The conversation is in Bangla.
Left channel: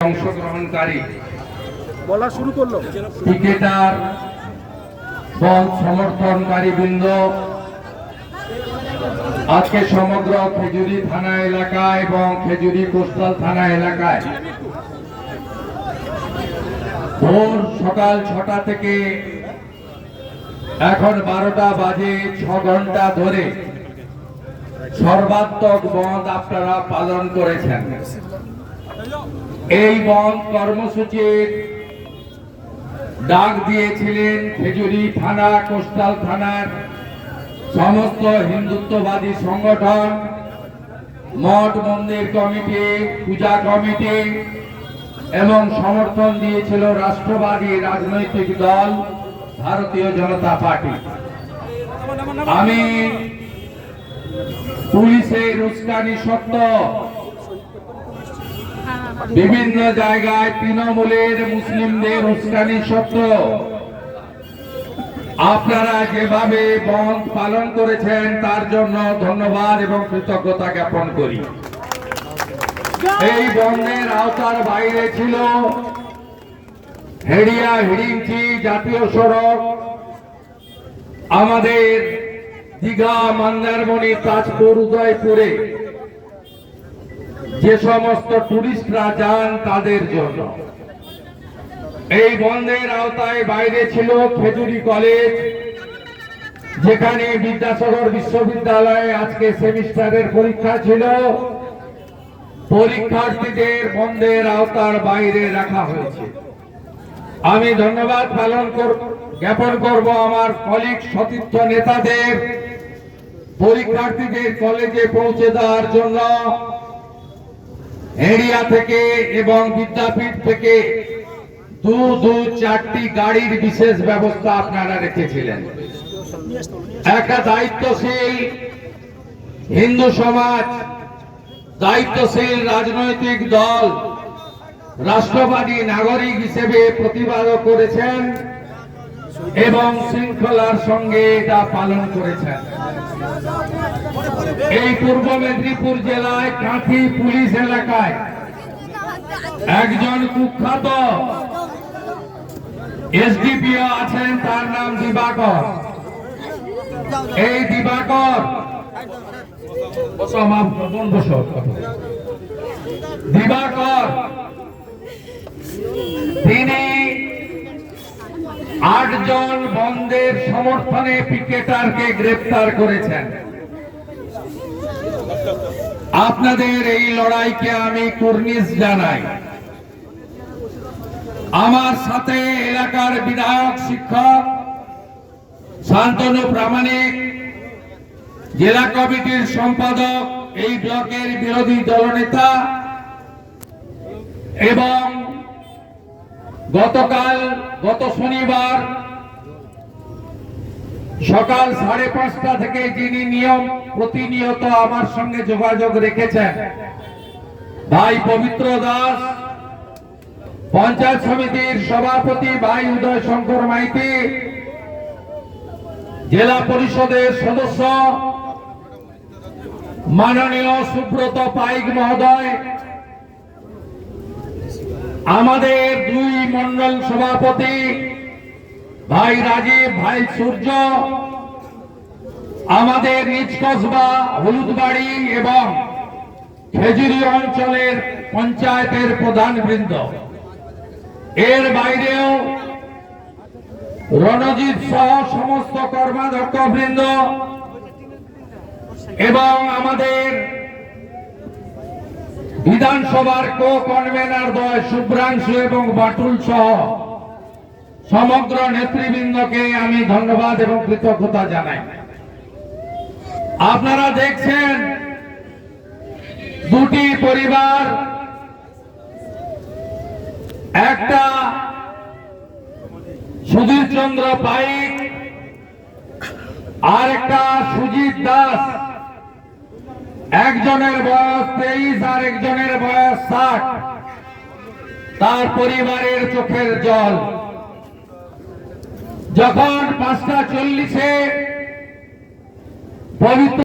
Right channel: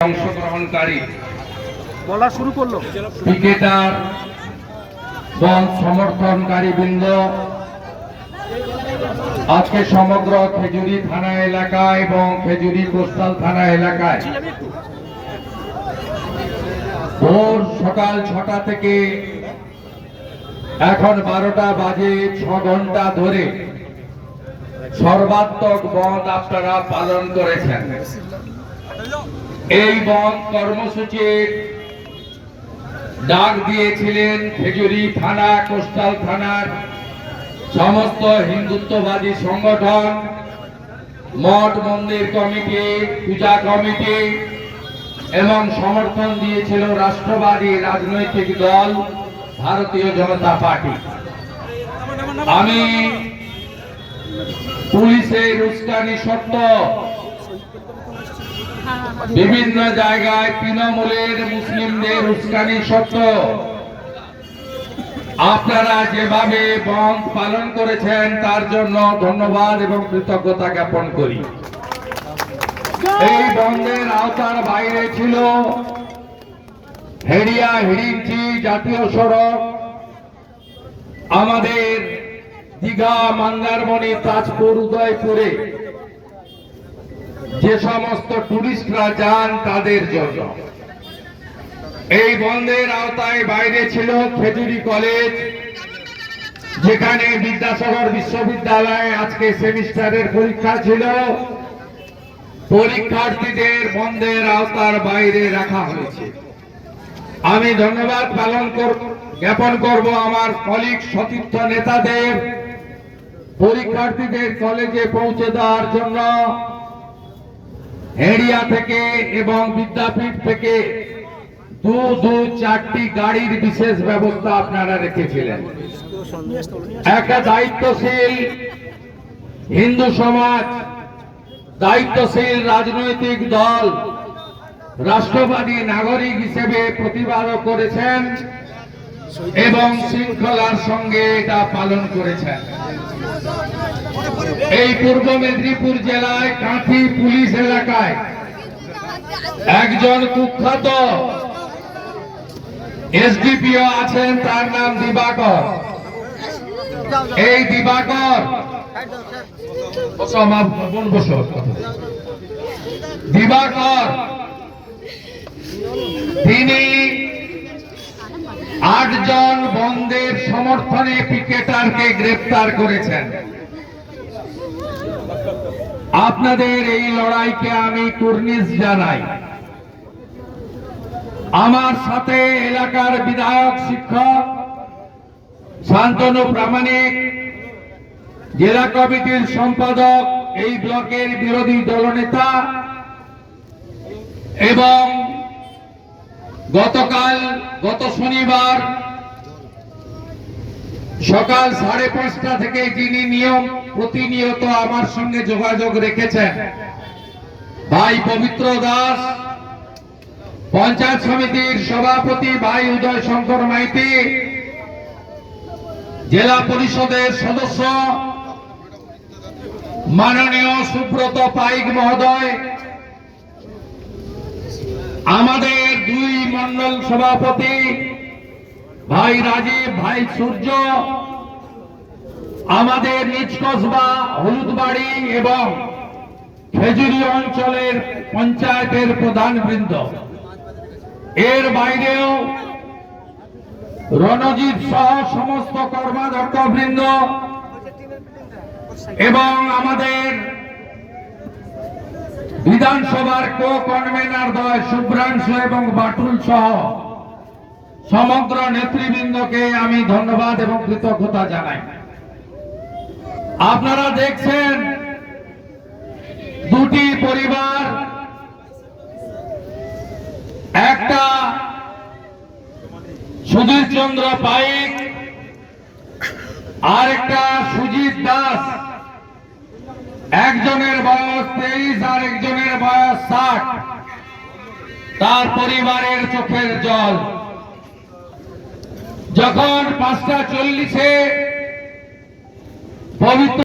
অংশগ্রহণকারী বলা শুরু করল। ক্রিকেটার দল সমর্থনকারী বৃন্দ আজকে সমগ্র খেজুরি থানা এলাকা এবং খেজুরি কোস্টাল থানা এলাকায় ভোর সকাল ছটা থেকে এখন বারোটা বাজে ছ ঘণ্টা ধরে সর্বাত্মক বন্ধ আপনারা পালন করেছেন। এই বন্ধ কর্মসূচির ডাক দিয়েছিলেন খেজুরি থানা, কোস্টাল থানার সমস্ত হিন্দুত্ববাদী সংগঠন, মঠ মন্দির কমিটি, পূজা কমিটি এবং সমর্থন দিয়েছিল রাষ্ট্রবাদী রাজনৈতিক দল, ভারতীয় জনতা পার্টি। আমি পুলিশের উস্কানি সত্য বিভিন্ন জায়গায় তৃণমূলের মুসলিমদের উস্কানি সত্য। আপনারা যেভাবে বন্ধ পালন করেছেন, তার জন্য ধন্যবাদ এবং কৃতজ্ঞতা জ্ঞাপন করি। এই বন্ধের আওতার বাইরে ছিল হেড়িয়া হিড়িঞ্চি জাতীয় সড়ক, আমাদের দীঘা, মন্দারমণি, তাজপুর, উদয়পুরে। যে সমস্ত টুরিস্টরা যান তাদের জন্য। এই বন্ধের আওতায় বাইরে ছিল খেজুরি কলেজ, যেখানে বিদ্যাসাগর বিশ্ববিদ্যালয়ে আজকে সেমিস্টারের পরীক্ষা ছিল। পরীক্ষার্থীদের বন্ধের আওতার বাইরে রাখা হয়েছে। আমি ধন্যবাদ পালন জ্ঞাপন করব আমার কলিগ সতীর্থ নেতাদের, পরীক্ষার্থীদের কলেজে পৌঁছে দেওয়ার জন্য। এরিয়া থেকে এবং বিদ্যাপীঠ থেকে দু দু, চারটি গাড়ির বিশেষ ব্যবস্থা আপনারা রেখেছিলেন। একটা দায়িত্বশীল হিন্দু সমাজ, দায়িত্বশীল রাজনৈতিক দল, রাষ্ট্রবাদী নাগরিক হিসেবে প্রতিবাদ করেছেন। এবং শৃঙ্খলার সঙ্গে এটা পালন করেছেন এই পূর্ব মেদিনীপুর জেলায় কাঁথি পুলিশ এলাকায় একজন কুখ্যাত এসডিপিও আছেন, তার নাম দিবাকর এই দিবাকর। দিবাকর, তিনি আটজন বন্ধের সমর্থনে পিকেটারকে গ্রেপ্তার করেছেন। আপনাদের এই লড়াইকে আমি কুর্নিশ জানাই। আমার সাথে এলাকার বিধায়ক, শিক্ষক, শান্তনু প্রামাণিক, জেলা কমিটির সম্পাদক, এই ব্লকের বিরোধী দলনেতা এবং গতকাল, গত শনিবার সকাল সাড়ে পাঁচটা থেকে যিনি নিয়ম প্রতিনিয়ত আমার সঙ্গে যোগাযোগ রেখেছেন, ভাই পবিত্র দাস, পঞ্চায়েত সমিতির সভাপতি ভাই উদয় শঙ্কর মাইতি, জেলা পরিষদের সদস্য, মাননীয় সুব্রত পাইক মহোদয় আমাদের দুই মন্ডল সভাপতি, ভাই রাজীব, ভাই সূর্য, আমাদের নিজ কসবা, হলুদবাড়ি এবং খেজুরি অঞ্চলের পঞ্চায়েতের প্রধান বৃন্দ এর বাইরেও রণজিৎ সহ সমস্ত কর্মাধ্যক্ষ বৃন্দ এবং আমাদের বিধানসভার কো কনভেনার দয় শুভ্রাংশু এবং বাটুল সহ সমগ্র নেতৃবৃন্দকে আমি ধন্যবাদ এবং কৃতজ্ঞতা জানাই। আপনারা দেখছেন দুটি পরিবার, একটা সুধীর চন্দ্র পাইক আর একটা সুজিত দাস। একজনের বয়স তেইশ আর একজনের বয়স ষাট। তার পরিবারের চোখের জল। যখন পাঁচটা চল্লিশে পবিত্র